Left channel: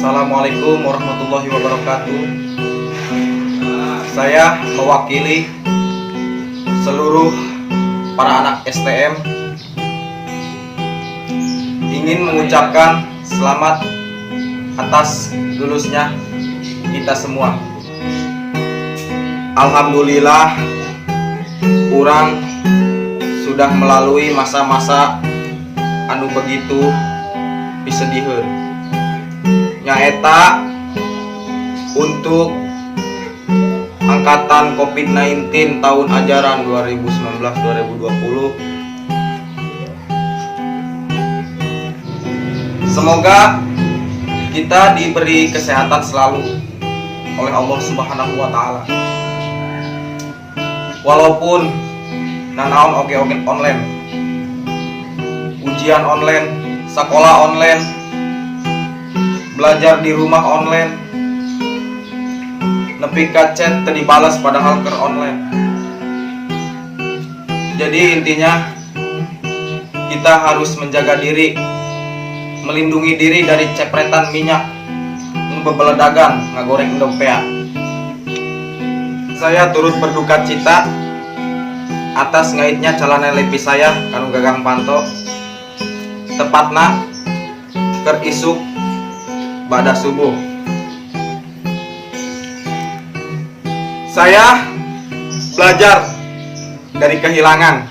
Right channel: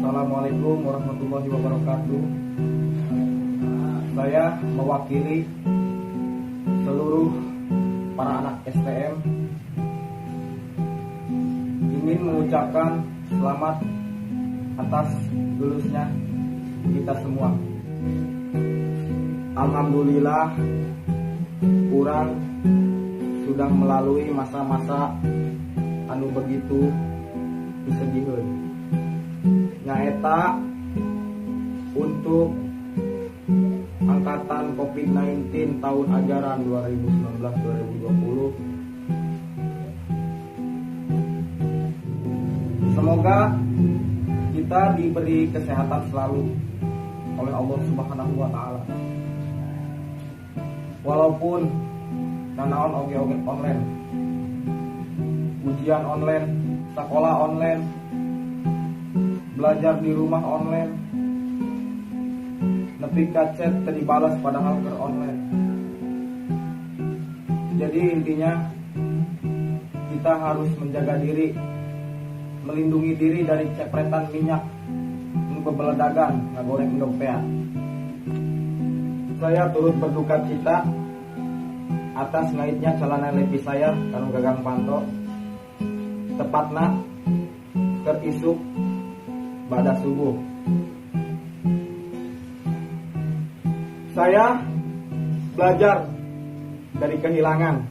Assalamualaikum warahmatullahi wabarakatuh. Saya mewakili seluruh para anak STM ingin mengucapkan selamat atas lulusnya kita semua. Alhamdulillah, kurang sudah melalui masa-masa anu begitu pisediheun. Nyaeta untuk angkatan COVID-19 tahun ajaran 2019-2020. Semoga kita diberi kesehatan selalu oleh Allah Subhanahu wa taala. Walaupun nanaon oge-oge online, ujian online, sekolah online, belajar di rumah online, nepi ka chat teu dibalas padahal keur online. Jadi intinya kita harus menjaga diri, melindungi diri dari cepretan minyak bebeledagan ngagoreng endopea. Saya turut berduka cita atas ngaitnya calana lepi saya kanu gagang panto, tepatna keur isuk ba'da subuh. Saya belajar dari kehilangan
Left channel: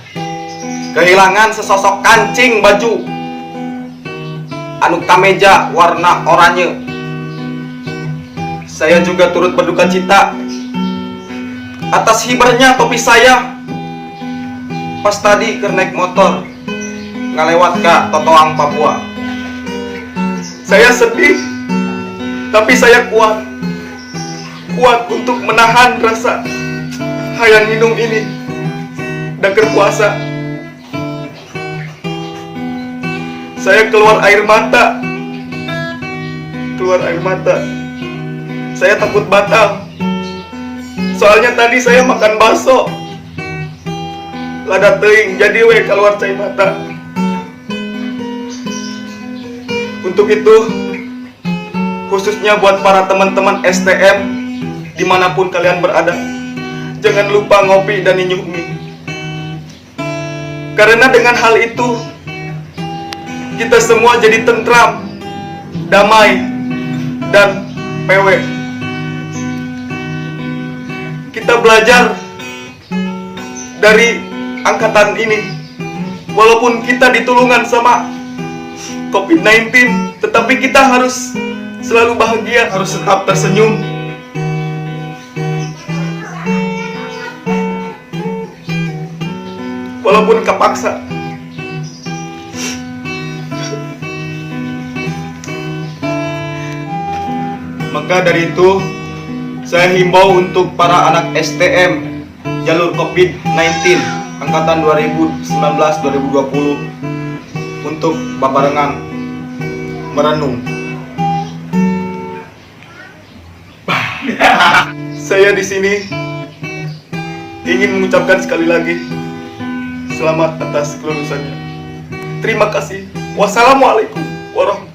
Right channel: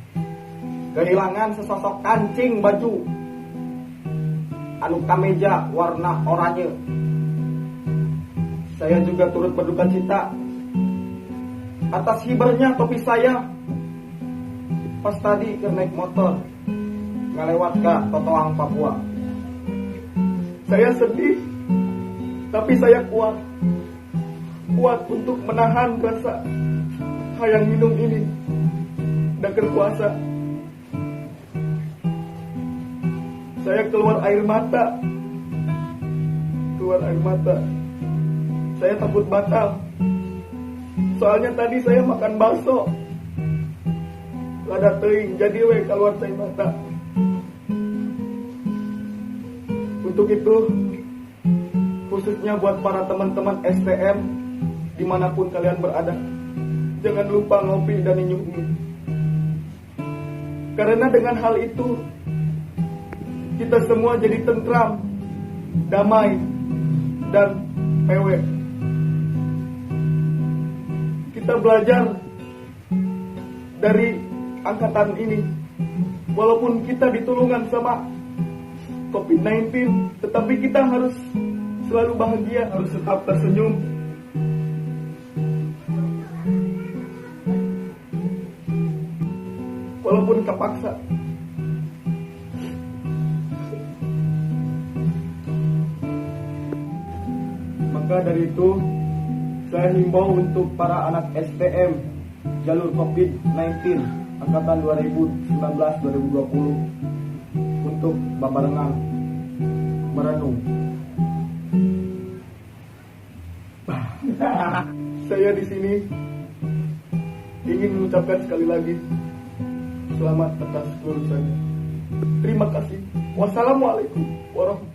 sesosok kancing baju anu kameja warna oranye. Saya juga turut berduka cita atas hibernya topi saya pas tadi keur naik motor ngalewat ka Totoang Papua. Saya sedih, tapi saya kuat untuk menahan rasa hayang minum ini dan berpuasa. Saya keluar air mata. Saya takut batal. Soalnya tadi saya makan bakso. Lada teuing jadi we keluar cai mata. Untuk itu, khususnya buat para teman-teman STM dimanapun kalian berada, jangan lupa ngopi dan nyinyuk mie. Karena dengan hal itu, kita semua jadi tentram, damai, dan PW. Kita belajar dari angkatan ini, walaupun kita ditulungan sama COVID-19, tetapi kita harus selalu bahagia, harus tetap tersenyum. Walaupun kepaksa. Maka dari itu, saya himbau untuk para anak STM jalur COVID-19 angkatan 2019-2020 untuk babarengan merenung. Saya di sini ingin mengucapkan sekali lagi selamat atas kelulusannya. Terima kasih. Wassalamualaikum warahmatullahi wabarakatuh.